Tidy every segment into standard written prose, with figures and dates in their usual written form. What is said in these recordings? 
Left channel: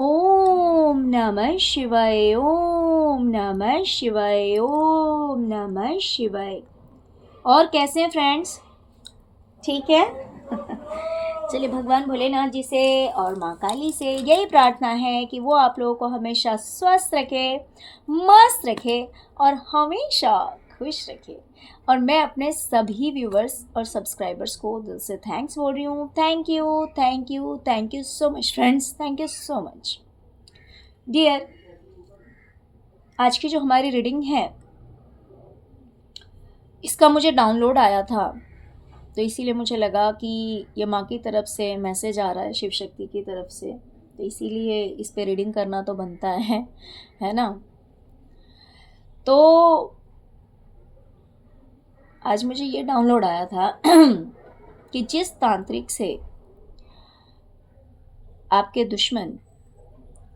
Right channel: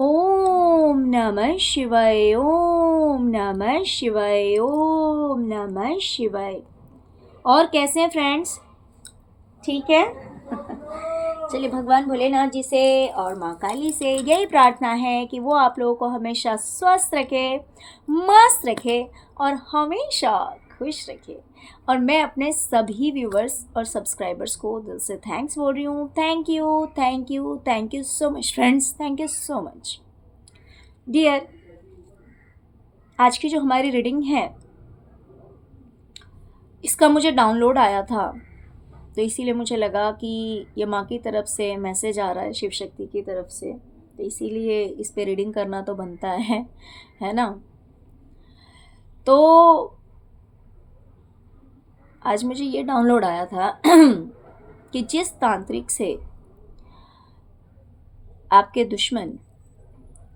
ओम नमः शिवाय, ओम नमः शिवाय, ओम नमः शिवाय। और कैसे हैं फ्रेंड्स? ठीक है। चलिए, भगवान भोलेनाथ जी से और माँ काली से यही प्रार्थना है कि वो आप लोगों को हमेशा स्वस्थ रखे, मस्त रखे और हमेशा खुश रखे। और मैं अपने सभी व्यूवर्स और सब्सक्राइबर्स को दिल से थैंक्स बोल रही हूँ। Thank you, thank you, thank you so much friends, thank you so much dear. आज की जो हमारी रीडिंग है, इसका मुझे डाउनलोड आया था, तो इसीलिए मुझे लगा कि ये माँ की तरफ से मैसेज आ रहा है, शिव शक्ति की तरफ से, तो इसीलिए इस पे रीडिंग करना तो बनता है ना। तो आज मुझे ये डाउनलोड आया था कि जिस तांत्रिक से आपके दुश्मन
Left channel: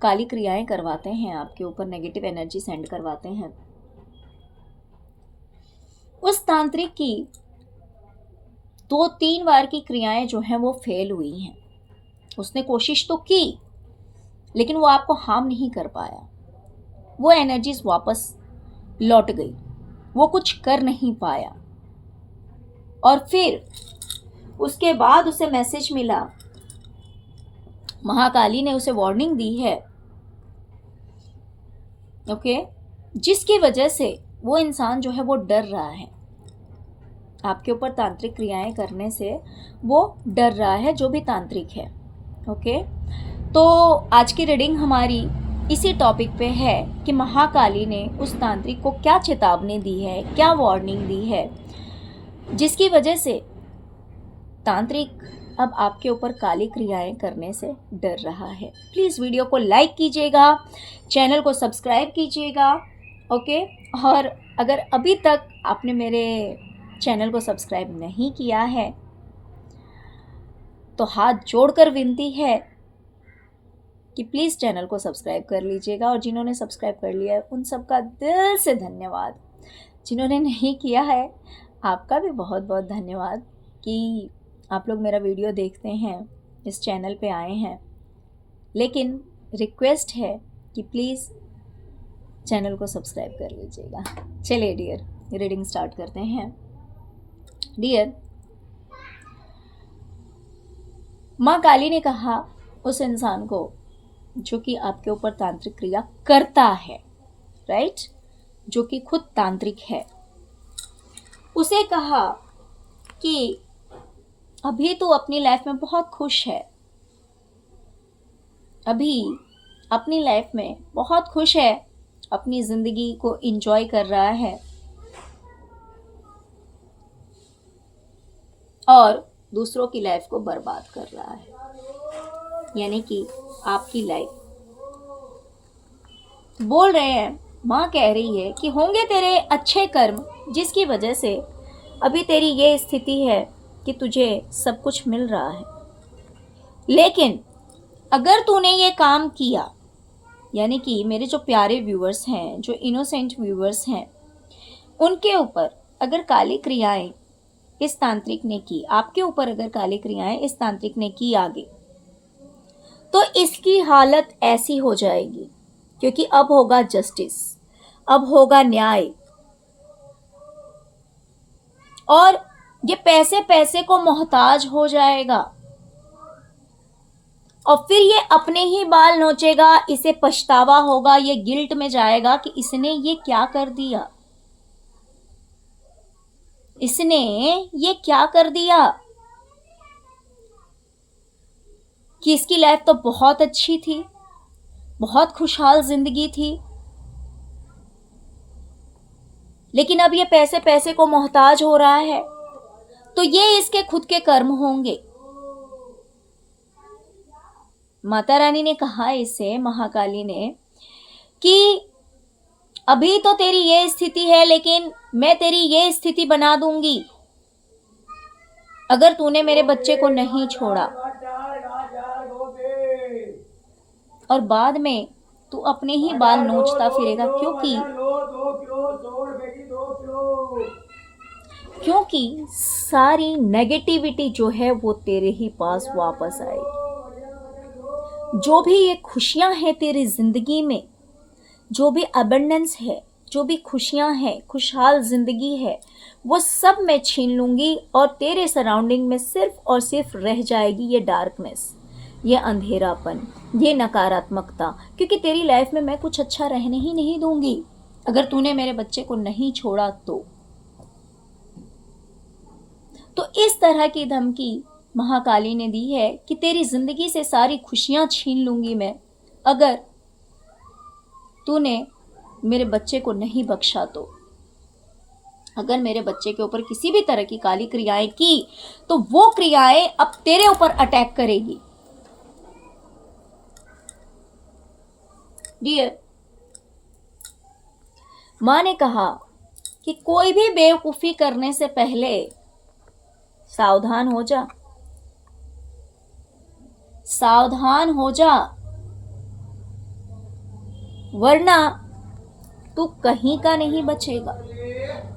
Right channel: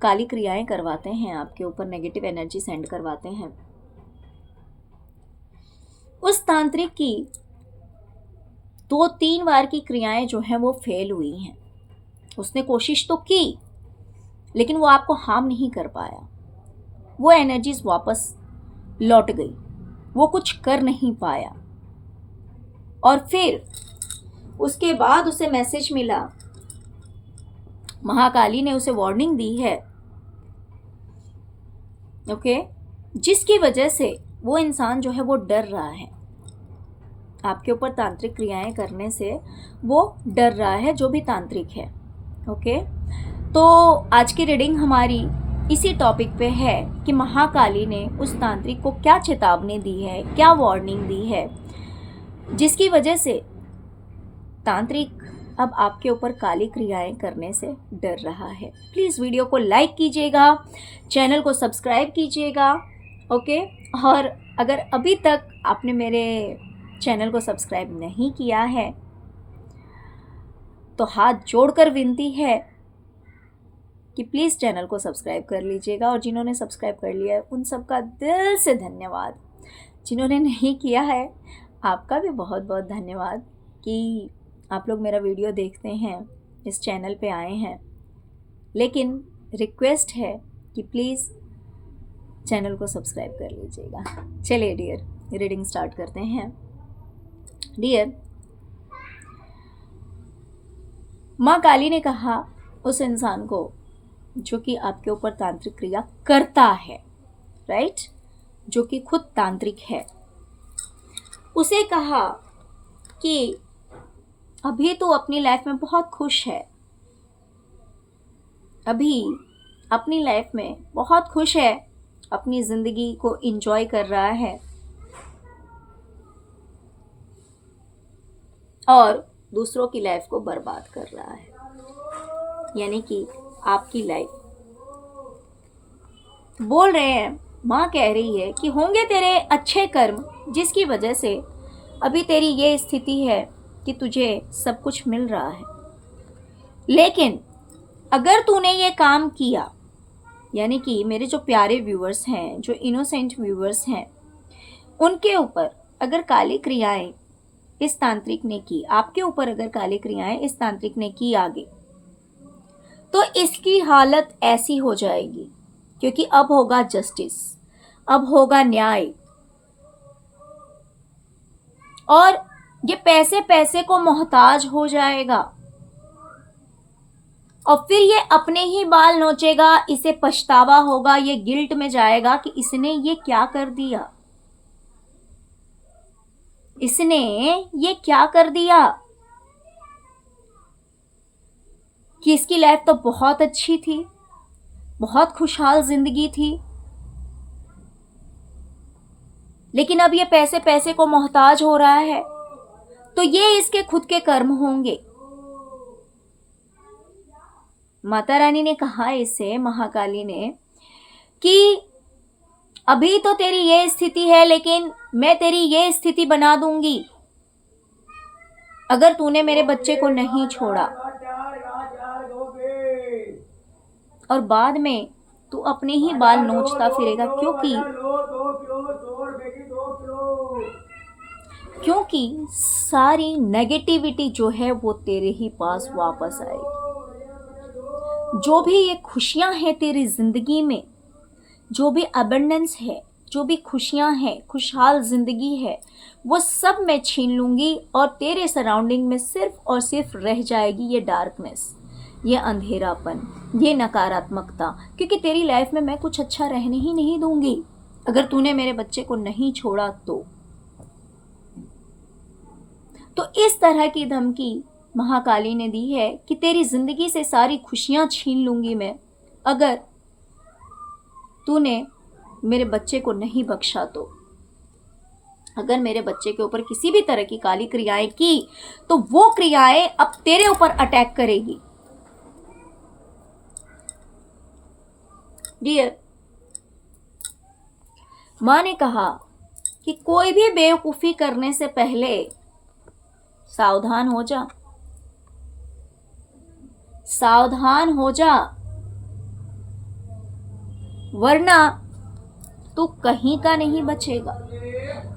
काली क्रियाएं करवाते हैं, आपके ऊपर नेगेटिव एनर्जी सेंड करवाते हैं, उस तांत्रिक की 2-3 बार की क्रियाएं जो हैं वो फेल हुई हैं। उसने कोशिश तो की, लेकिन वो आपको हार्म नहीं कर पाया। वो एनर्जीज वापस लौट गई, वो कुछ कर नहीं पाया। और फिर उसके बाद उसे मैसेज मिला, महाकाली ने उसे वार्निंग दी है, ओके, जिसकी वजह से वो इंसान जो है वो डर रहा है। आपके ऊपर तांत्रिक क्रियाएं करने से वो डर रहा है, जो भी तांत्रिक है। ओके, तो आज की रीडिंग हमारी इसी टॉपिक पे है कि महाकाली ने उस तांत्रिक को क्या चेतावनी दी है, क्या वार्निंग दी है, जिसकी वजह से तांत्रिक अब आपके ऊपर काली क्रियाएं करने से डर रहा है। प्लीज़ वीडियो को लाइक कीजिएगा, चैनल को सब्सक्राइब कीजिएगा, ओके। और अगर अभी तक आपने मेरे चैनल को सब्सक्राइब नहीं किया है तो हाथ जोड़कर विनती है कि प्लीज़ चैनल को सब्सक्राइब कर लीजिएगा। और जिन्होंने सब्सक्राइब कर लिया है उन सबका दिल से धन्यवाद। जिन्होंने नहीं किया है आपका भी बहुत बहुत धन्यवाद कि आप लोग मेरा वीडियो देखते हैं, इस चैनल पे आए हैं। लेकिन रिक्वेस्ट है कि प्लीज़ चैनल को सब्सक्राइब कर लीजिएगा। चलिए डियर, रीडिंग स्टार्ट करते हैं। डियर, माँ काली ने कहा उस इंसान को जो कि आपके ऊपर तांत्रिक क्रिया करता है, राइट, जो कि खुद तांत्रिक है, उसे कहा कि अभी तो अपनी लाइफ में बहुत खुश है, अभी अपनी लाइफ में बहुत खुश है, अपनी ज़िंदगी को एंजॉय कर रहा है और दूसरों की लाइफ को बर्बाद कर रहा है। यानी कि आपकी लाइफ बोल रहे हैं, माँ कह रही है कि होंगे तेरे अच्छे कर्म, जिसकी वजह से अभी तेरी ये स्थिति है कि तुझे सब कुछ मिल रहा है। लेकिन अगर तूने ये काम किया, यानी कि मेरे जो प्यारे व्यूवर्स हैं, जो इनोसेंट व्यूवर्स हैं, उनके ऊपर अगर काली क्रियाएं इस तांत्रिक ने की, आपके ऊपर अगर काली क्रियाएं इस तांत्रिक ने की आगे, तो इसकी हालत ऐसी हो जाएगी, क्योंकि अब होगा जस्टिस, अब होगा न्याय। और ये पैसे पैसे को मोहताज हो जाएगा और फिर ये अपने ही बाल नोचेगा, इसे पछतावा होगा, ये गिल्ट में जाएगा कि इसने ये क्या कर दिया, इसने ये क्या कर दिया, कि इसकी लाइफ तो बहुत अच्छी थी, बहुत खुशहाल जिंदगी थी, लेकिन अब ये पैसे पैसे को मोहताज हो रहा है। तो ये इसके खुद के कर्म होंगे। माता रानी ने कहा इससे, महाकाली ने, कि अभी तो तेरी ये स्थिति है, लेकिन मैं तेरी ये स्थिति बना दूंगी अगर तूने मेरे बच्चे को नहीं छोड़ा, और बाद में तू अपने ही बाल नोचता फिरेगा, क्योंकि सारी नेगेटिविटी जो है वो तेरे ही पास वापस आएगी। जो भी ये खुशियां हैं तेरी जिंदगी में, जो भी अबंडेंस है, जो भी खुशियां हैं, खुशहाल जिंदगी है, वो सब मैं छीन लूंगी और तेरे सराउंडिंग में सिर्फ और सिर्फ रह जाएगी ये डार्कनेस, ये अंधेरापन, ये नकारात्मकता, क्योंकि तेरी लाइफ में मैं कुछ अच्छा रहने ही नहीं दूंगी अगर तूने मेरे बच्चे को नहीं छोड़ा तो इस तरह की धमकी महाकाली ने दी है कि तेरी जिंदगी से सारी खुशियां छीन लूंगी मैं अगर तूने मेरे बच्चे को नहीं बख्शा तो। अगर मेरे बच्चे के ऊपर किसी भी तरह की काली क्रियाएं की तो वो क्रियाएं अब तेरे ऊपर अटैक करेगी। डियर, मां ने कहा कि कोई भी बेवकूफी करने से पहले सावधान हो जा, सावधान हो जा, वरना तू कहीं का नहीं बचेगा,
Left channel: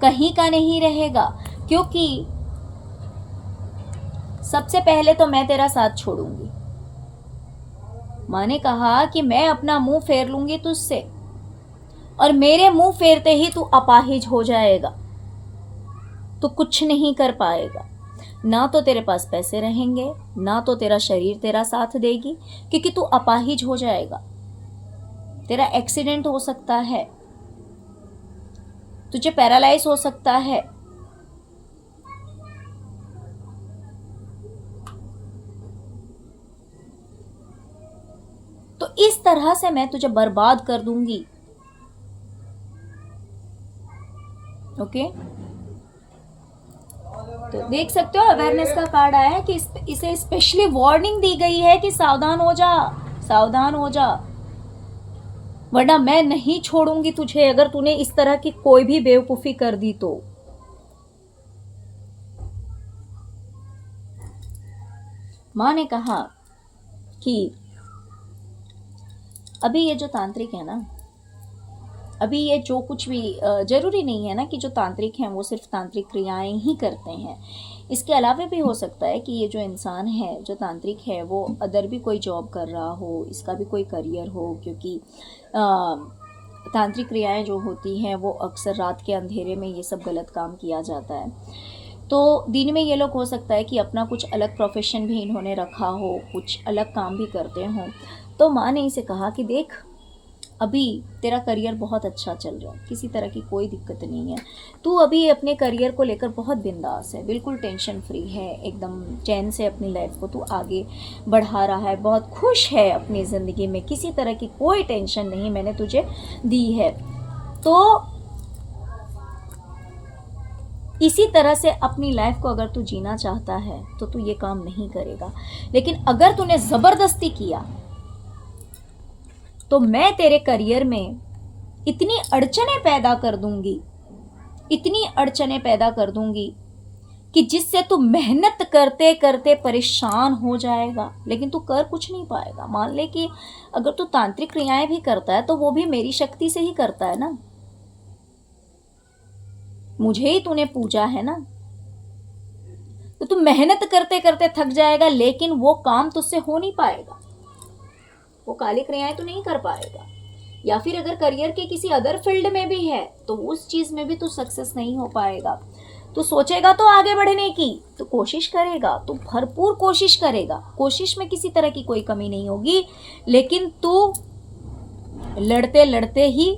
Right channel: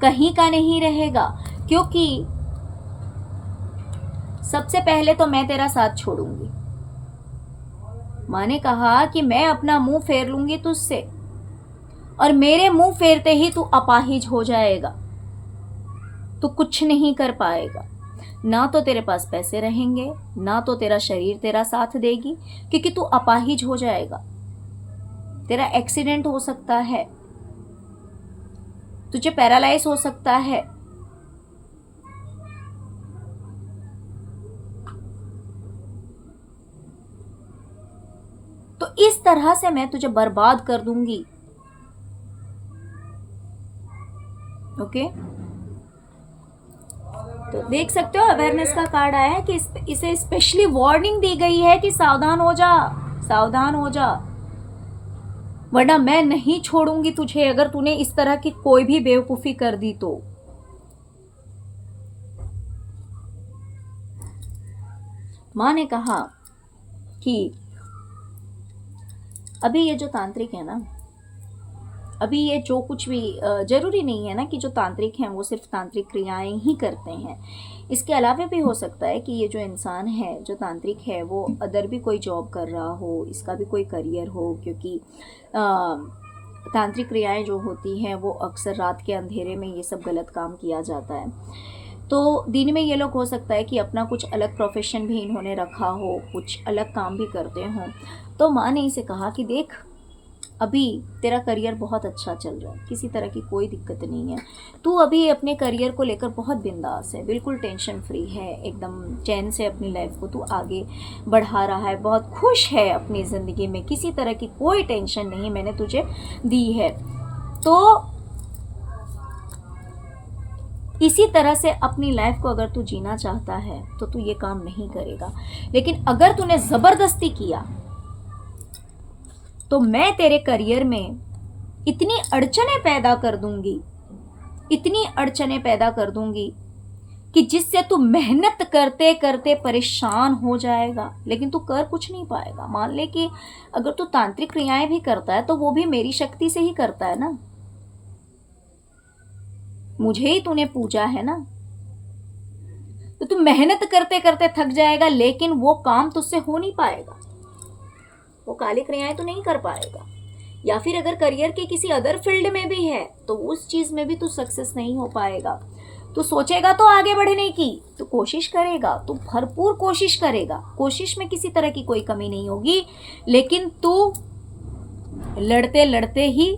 कहीं का नहीं रहेगा। क्योंकि सबसे पहले तो मैं तेरा साथ छोड़ूंगी। मां ने कहा कि मैं अपना मुंह फेर लूंगी तुझसे और मेरे मुंह फेरते ही तू अपाहिज हो जाएगा, तू कुछ नहीं कर पाएगा। ना तो तेरे पास पैसे रहेंगे, ना तो तेरा शरीर तेरा साथ देगी, क्योंकि तू अपाहिज हो जाएगा। तेरा एक्सीडेंट हो सकता है, तुझे पैरालाइज हो सकता है। तो इस तरह से मैं तुझे बर्बाद कर दूंगी। ओके, तो देख सकते हो अवेयरनेस का कार्ड आया है कि इसे स्पेशली वार्निंग दी गई है कि सावधान हो जा, सावधान हो जा, वरना मैं नहीं छोड़ूंगी तुझे अगर तूने इस तरह की कोई भी बेवकूफी कर दी तो। मां ने कहा कि अभी ये जो तांत्रिक है ना, अभी ये जो कुछ भी जरूरी नहीं है ना कि जो तांत्रिक हैं वो सिर्फ तांत्रिक क्रियाएं ही करते हैं। इसके अलावा भी हो सकता है कि ये जो इंसान है, जो तांत्रिक है, वो अदर भी कोई जॉब कर रहा हो, इसका भी कोई करियर हो, क्योंकि तांत्रिक क्रियाएं जो होती हैं वो अक्सर रात के अंधेरे में ये सब गलत काम किया जाता है। तो दिन में ये लोग हो सकता है कि अपना कुछ अलग प्रोफेशन भी इन्होंने रखा हो, कुछ अलग काम भी करते हों। तो माँ ने इसे कहा कि देख, अभी तेरा करियर बहुत अच्छा चल रहा है, किसी तरह की कोई दिक्कत नहीं है, तू अभी अपने करियर को लेकर बहुत बिंदास है, बिल्कुल टेंशन फ्री है, एकदम चैन से अपनी लाइफ को तू आगे बढ़ा रहा है, बहुत खुश है अपनी ज़िंदगी में, किसी तरह की कोई टेंशन नहीं मैंने तुझे दी है। तो इसी तरह से अपनी लाइफ को अगर तू जीना चाहता है तो तू ये काम नहीं करेगा, लेकिन अगर तूने ज़बरदस्ती किया तो मैं तेरे करियर में इतनी अड़चनें पैदा कर दूंगी, इतनी अड़चनें पैदा कर दूंगी कि जिससे तू मेहनत करते करते परेशान हो जाएगा, लेकिन तू कर कुछ नहीं पाएगा। मान ले कि अगर तू तांत्रिक क्रियाएं भी करता है तो वो भी मेरी शक्ति से ही करता है ना, मुझे ही तूने पूजा है ना, तो तू मेहनत करते करते थक जाएगा, लेकिन वो काम तुझसे हो नहीं पाएगा, वो काली क्रियाएं तो नहीं कर पाएगा। या फिर अगर करियर के किसी अदर फील्ड में भी है तो उस चीज में भी तू सक्सेस नहीं हो पाएगा। तू सोचेगा तो आगे बढ़ने की, तो कोशिश करेगा, तू भरपूर कोशिश करेगा, कोशिश में किसी तरह की कोई कमी नहीं होगी, लेकिन तू लड़ते लड़ते ही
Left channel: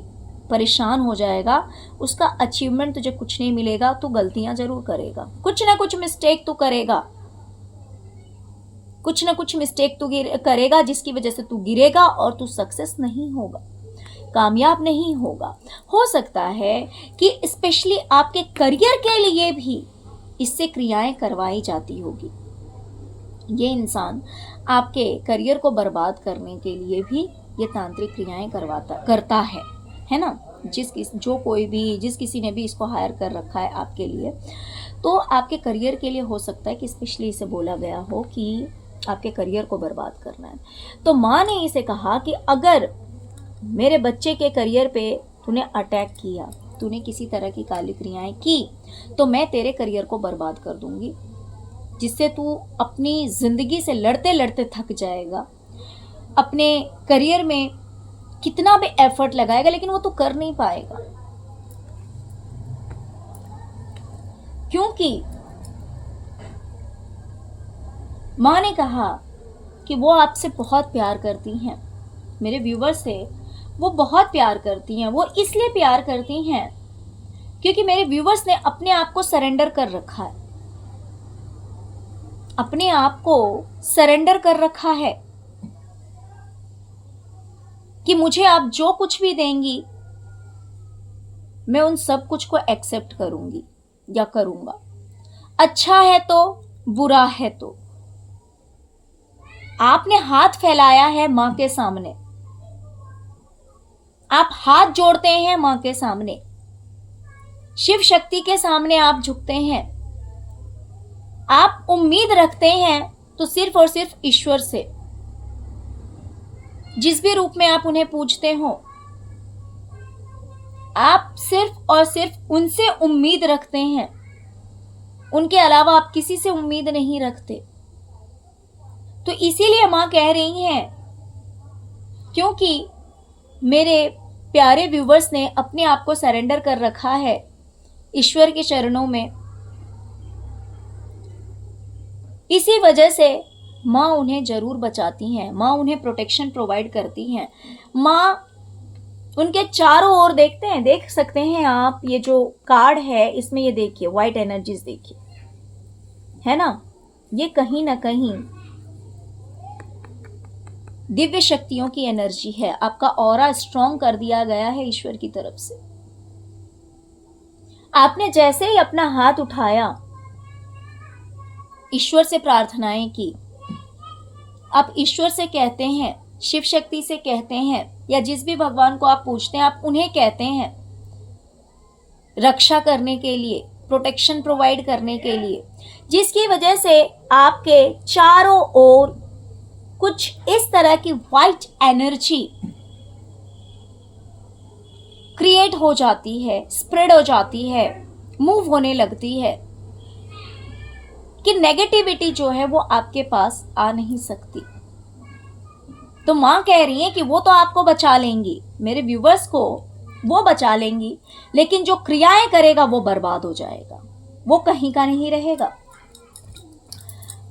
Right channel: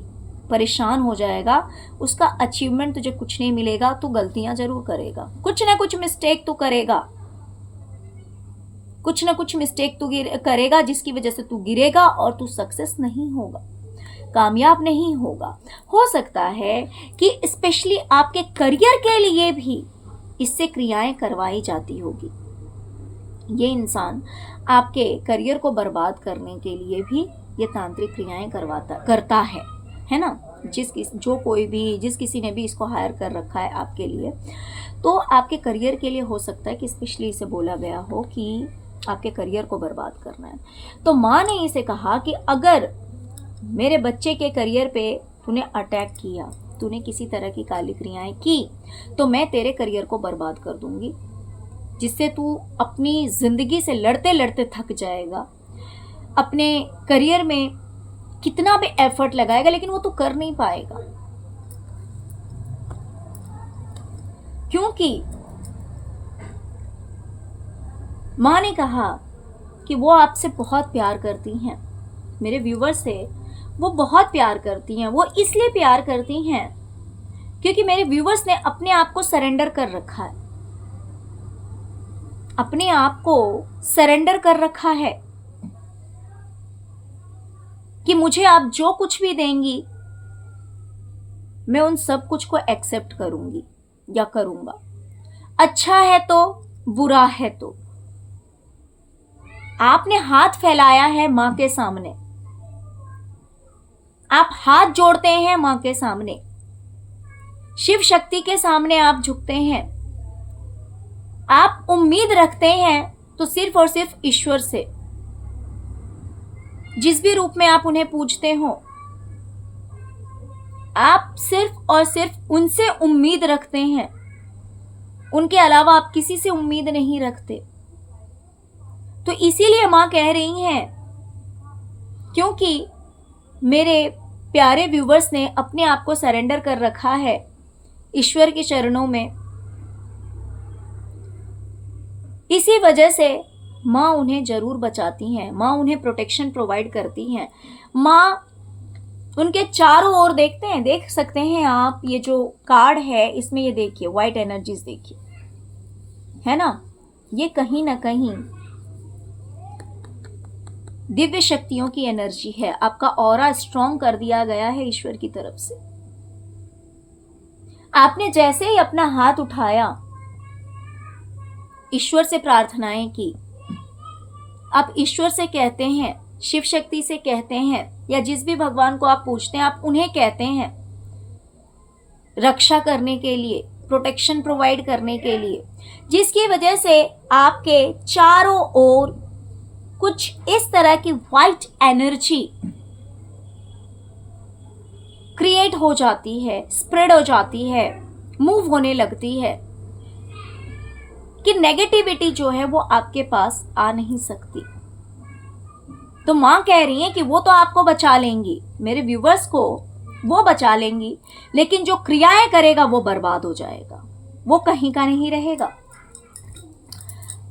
परेशान हो जाएगा, उसका अचीवमेंट तुझे कुछ नहीं मिलेगा, तू गलतियां जरूर करेगा, कुछ ना कुछ मिस्टेक तू करेगा, कुछ ना कुछ मिस्टेक तू करेगा, जिसकी वजह से तू गिरेगा और तू सक्सेस नहीं होगा, कामयाब नहीं होगा। हो सकता है कि स्पेशली आपके करियर के लिए भी इससे क्रियाएं करवाई जाती होगी। ये इंसान आपके करियर को बर्बाद करने के लिए भी ये तांत्रिक क्रियाएं करता है ना। जिस किसी ने भी इसको हायर कर रखा है आपके लिए, तो आपके करियर के लिए हो सकता है कि स्पेशली इसे बोला गया हो कि आपके करियर को बर्बाद करना है। तो माँ ने इसे कहा कि अगर मेरे बच्चे के करियर पे तूने अटैक किया, तूने किसी तरह की काली क्रियाएं की, तो मैं तेरे करियर को बर्बाद कर दूंगी, जिससे तू अपनी ज़िंदगी से लड़ते लड़ते थक जाएगा। अपने करियर में कितना भी एफर्ट लगाएगा, लेकिन वो तो कर नहीं पाएगा, क्योंकि माँ ने कहा कि वो आपसे बहुत प्यार करती हैं, मेरे व्यूवर से वो बहुत प्यार करती हैं। वो इसलिए प्यार करती हैं क्योंकि मेरे व्यूवर्स ने अपने आप को सरेंडर कर रखा है, अपने आप को सरेंडर कर रखा है कि मुझे आप जो कुछ भी देंगी मैं उन सब कुछ को एक्सेप्ट करूंगी या करूंगा, अच्छा है तो बुरा है तो। आपने हाथ फैलाया है मां के सामने, आप हाथ जोड़ते हैं मां के सामने, शिव शक्ति के सामने आप झुकते हैं, आप उम्मीद रखते हैं तो सिर्फ और सिर्फ ईश्वर से, जिस भी रूप में आप उन्हें पूजते हो, आप सिर्फ और सिर्फ उनसे उम्मीद रखते हैं, उनके अलावा आप किसी से उम्मीद नहीं रखते। तो इसीलिए मां कह रही हैं, क्योंकि मेरे प्यारे व्यूवर्स ने अपने आप को सरेंडर कर रखा है ईश्वर के चरणों में, इसी वजह से माँ उन्हें जरूर बचाती हैं, माँ उन्हें प्रोटेक्शन प्रोवाइड करती हैं। माँ उनके चारों ओर देखते हैं, देख सकते हैं आप, ये जो कार्ड है इसमें ये देखिए व्हाइट एनर्जीज देखिए, है ना, ये कहीं ना कहीं दिव्य शक्तियों की एनर्जी है। आपका ऑरा स्ट्रॉन्ग कर दिया गया है ईश्वर की तरफ से। आपने जैसे ही अपना हाथ उठाया, ईश्वर से प्रार्थनाएं की, आप ईश्वर से कहते हैं, शिव शक्ति से कहते हैं, या जिस भी भगवान को आप पूछते हैं आप उन्हें कहते हैं रक्षा करने के लिए, प्रोटेक्शन प्रोवाइड करने के लिए, जिसकी वजह से आपके चारों ओर कुछ इस तरह की वाइट एनर्जी क्रिएट हो जाती है, स्प्रेड हो जाती है, मूव होने लगती है कि नेगेटिविटी जो है वो आपके पास आ नहीं सकती। तो मां कह रही है कि वो तो आपको बचा लेंगी, मेरे व्यूवर्स को वो बचा लेंगी, लेकिन जो क्रियाएं करेगा वो बर्बाद हो जाएगा, वो कहीं का नहीं रहेगा।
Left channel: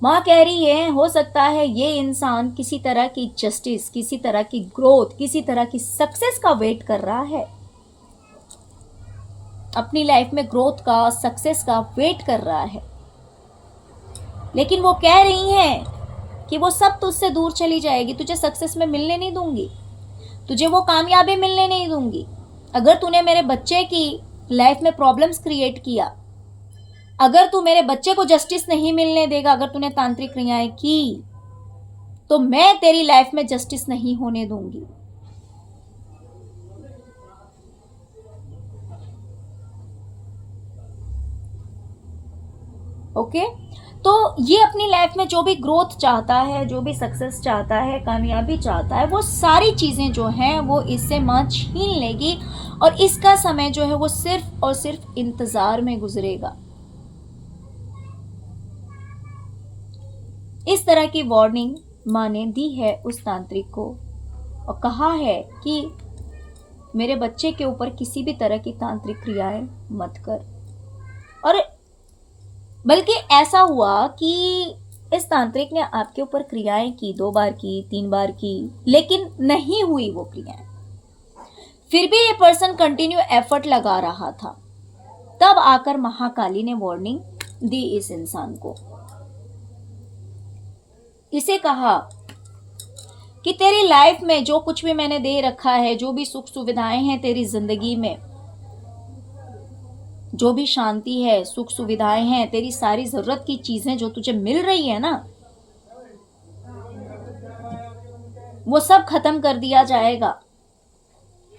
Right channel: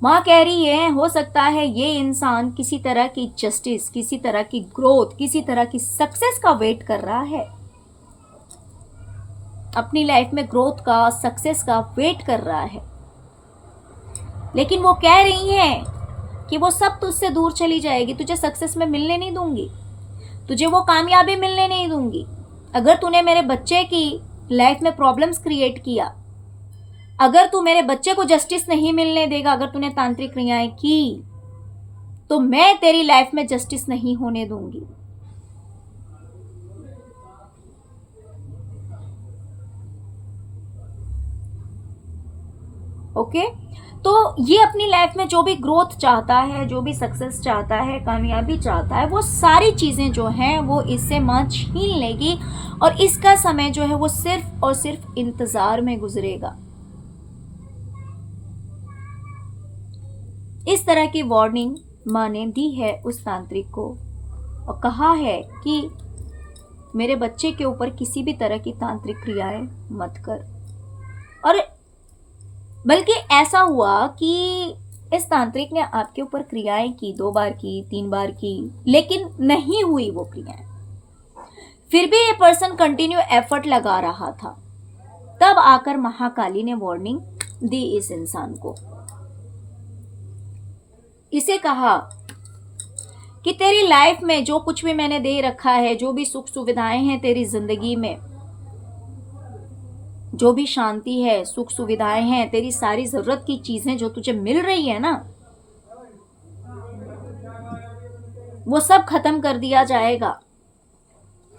माँ कह रही है, हो सकता है ये इंसान किसी तरह की जस्टिस, किसी तरह की ग्रोथ, किसी तरह की सक्सेस का वेट कर रहा है, अपनी लाइफ में ग्रोथ का, सक्सेस का वेट कर रहा है, लेकिन वो कह रही है कि वो सब तुझसे दूर चली जाएगी, तुझे सक्सेस में मिलने नहीं दूंगी, तुझे वो कामयाबी मिलने नहीं दूंगी। अगर तूने मेरे बच्चे की लाइफ में प्रॉब्लम्स क्रिएट किया, अगर तू मेरे बच्चे को जस्टिस नहीं मिलने देगा, अगर तूने तांत्रिक क्रियाएं की, तो मैं तेरी लाइफ में जस्टिस नहीं होने दूंगी। ओके, तो ये अपनी लाइफ में जो भी ग्रोथ चाहता है, जो भी सक्सेस चाहता है, कामयाबी चाहता है, वो सारी चीजें जो हैं वो इससे मां छीन लेगी, और इसका समय जो है वो सिर्फ और सिर्फ इंतजार में गुजरेगा। इस तरह की वार्निंग मां ने दी है उस तांत्रिक को, और कहा है कि मेरे बच्चे के ऊपर किसी भी तरह की तांत्रिक क्रियाएं मत कर। और बल्कि ऐसा हुआ कि इस तांत्रिक ने आपके ऊपर क्रियाएं की, 2 बार की, 3 बार की, लेकिन नहीं हुई वो क्रियाएं, फिर भी ये पर्सन कंटिन्यू एफर्ट लगा रहा था। तब आकर महाकाली ने वार्निंग दी इस इंसान को, इसे कहा कि तेरी लाइफ में जो कुछ भी मैंने दे रखा है, जो भी सुख सुविधाएं हैं तेरी जिंदगी में, जो भी शांति है, सुख सुविधाएं हैं, तेरी सारी जरूरत की चीजें जो तुझे मिल रही है ना, वो सब खत्म कर दिया जाएगा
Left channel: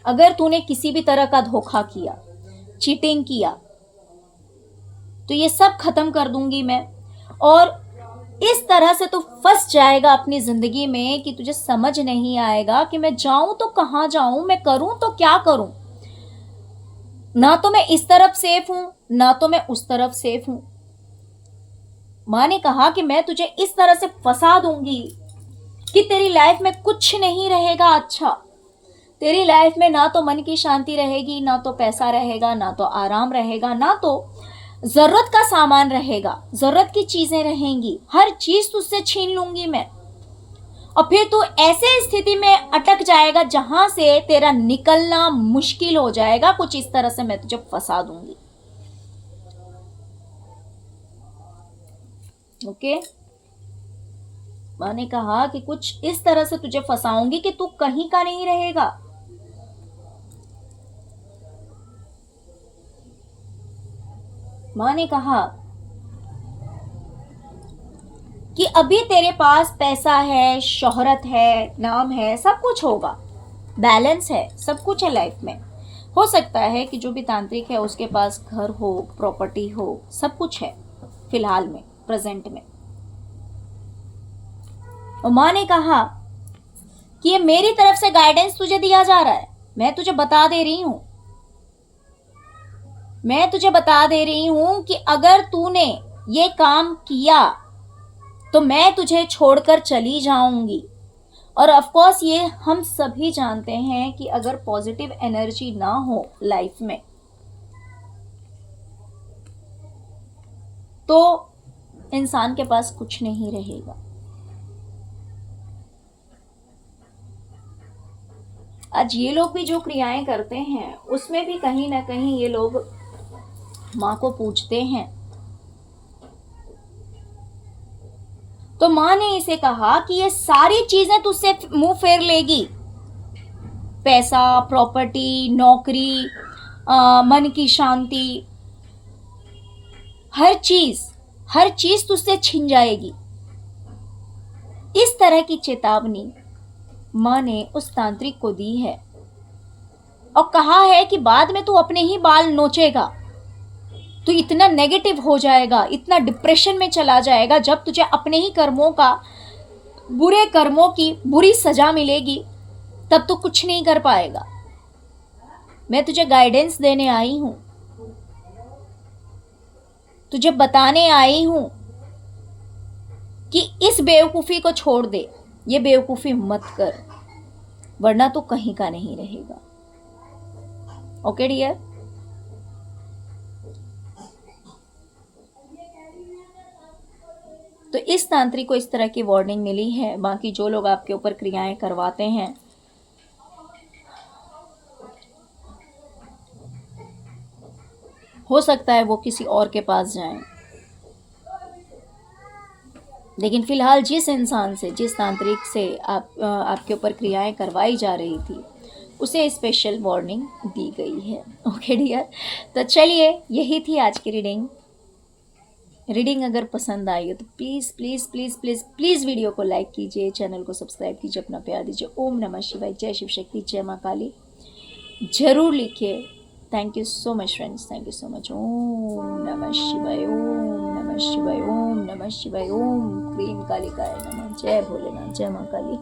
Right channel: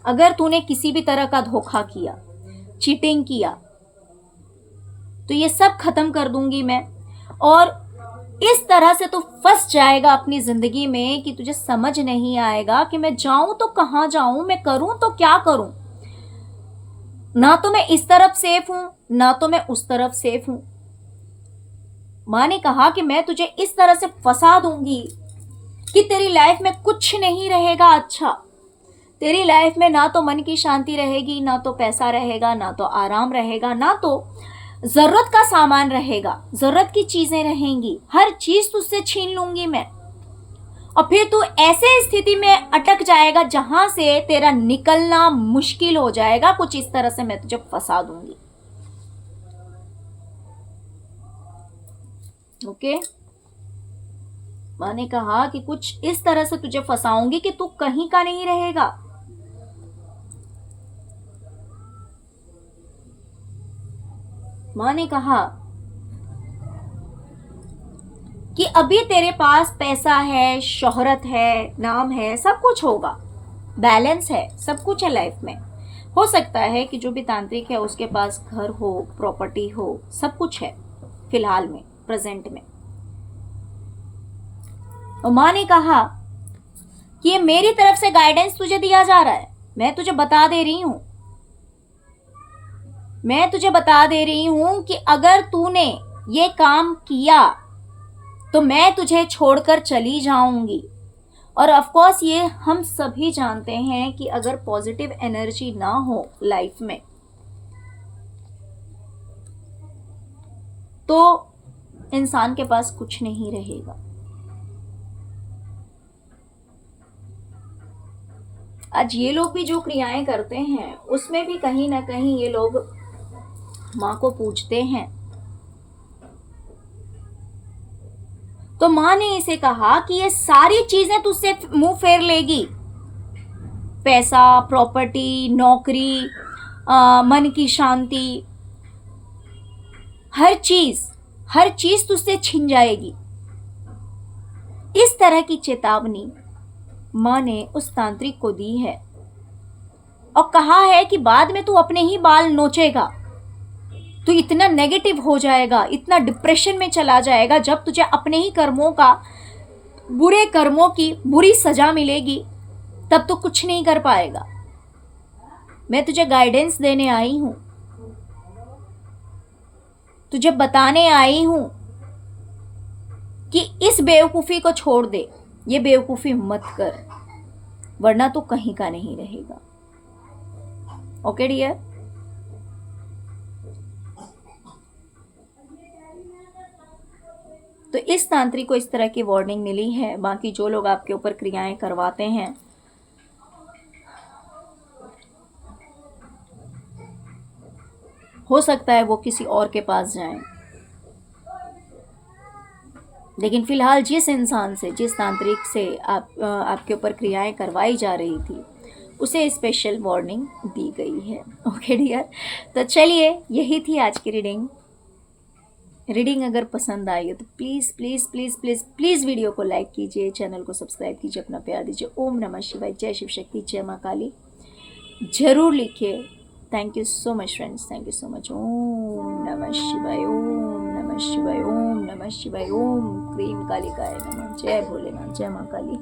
अगर तूने किसी भी तरह का धोखा किया, चीटिंग किया, तो ये सब खत्म कर दूंगी मैं। और इस तरह से तू फंस जाएगा अपनी जिंदगी में कि तुझे समझ नहीं आएगा कि मैं जाऊं तो कहां जाऊं, मैं करूं तो क्या करूं, ना तो मैं इस तरफ सेफ हूं, ना तो मैं उस तरफ सेफ हूं। मां ने कहा कि मैं तुझे इस तरह से फंसा दूंगी कि तेरी लाइफ में कुछ नहीं रहेगा अच्छा। तेरी लाइफ में ना तो मन की शांति रहेगी, ना तो पैसा रहेगा, ना तो आराम रहेगा, ना तो जरूरत का सामान रहेगा, जरूरत की चीजें रहेंगी, हर चीज तुझसे छीन लूंगी मैं। और फिर तू ऐसे स्थिति में अटक जाएगा जहां से तेरा निकलना मुश्किल हो जाएगा। कुछ इस तरह से मैं तुझे फंसा दूंगी। ओके, मैंने कहा कि कुछ इस तरह से तुझे फंसाऊंगी कि तू कहीं का नहीं रहेगा। माँ ने कहा कि अभी तेरे पास पैसा है, शोहरत है, नाम है, सब कुछ होगा, बैलेंस है, सब कुछ है लाइफ में। हो सकता है कि जो भी तांत्रिक है उसके पास घर हो, प्रॉपर्टी हो, सब कुछ है फिलहाल में, प्रेजेंट में। और माँ ने कहा कि ये मेरी तरफ से गाइडेंस तुझे दिया जा रहा है। मैं तुझे बता दे रही हूं, मैं तुझे बता दे रही हूं कि अगर तूने ये काम किया तो मैं तुझे छोड़कर चली जाऊंगी। और ऑफ कोर्स ये हम सभी जानते हैं कि अगर पॉजिटिव एनर्जी ना हो लाइफ में तो इंसान के पास कुछ नहीं रहेगा। आज ये लोग भी जो क्रियाएं करते हैं उसमें भी कहीं ना कहीं ये लोग माँ को पूजते हैं। तो माँ ने इसे कहा कि ये सारी चीजें तुझसे मुंह फेर लेगी, पैसा, प्रॉपर्टी, नौकरी, मन की शांति, हर चीज तुझसे छिन जाएगी। इस तरह की चेतावनी माँ ने उस तांत्रिक को दी है और कहा है कि बाद में तू अपने ही बाल नोचेगा, तू इतना नेगेटिव हो जाएगा, इतना डिप्रेशन में चला जाएगा, जब तुझे अपने ही कर्मों का, बुरे कर्मों की बुरी सजा मिलेगी तब तू कुछ नहीं कर पाएगा। मैं तुझे गाइडेंस देने आई हूं, तुझे बताने आई हूं कि इस बेवकूफी को छोड़ दे, ये बेवकूफी मत कर, वरना तो कहीं का नहीं रहेगा। ओके डियर, तो इस तांत्रिक को इस तरह की वार्निंग मिली है। बाकी जो लोग आपके ऊपर क्रियाएं करवाते हैं, हो सकता है वो किसी और के पास जाएं, लेकिन फिलहाल जिस इंसान से, जिस तांत्रिक से आपके ऊपर क्रियाएं करवाई जा रही थी उसे स्पेशल वार्निंग दी गई है। ओके डियर, तो चलिए यही थी आज की रीडिंग अगर पसंद आई हो तो please please please please please video को लाइक कीजिए, चैनल को सब्सक्राइब कीजिए, अपना प्यार दीजिए। ओम नमः शिवाय, जय शिव शक्ति, जय माँ काली जरूर लिखिए। Thank you so much friends, thank you so much. Om नमः शिवाय, ओम नमः शिवाय, ओम नमः शिवाय, ओम क्रीम कालिकाय नमः। जय भोलेनाथ, जय माँ काली।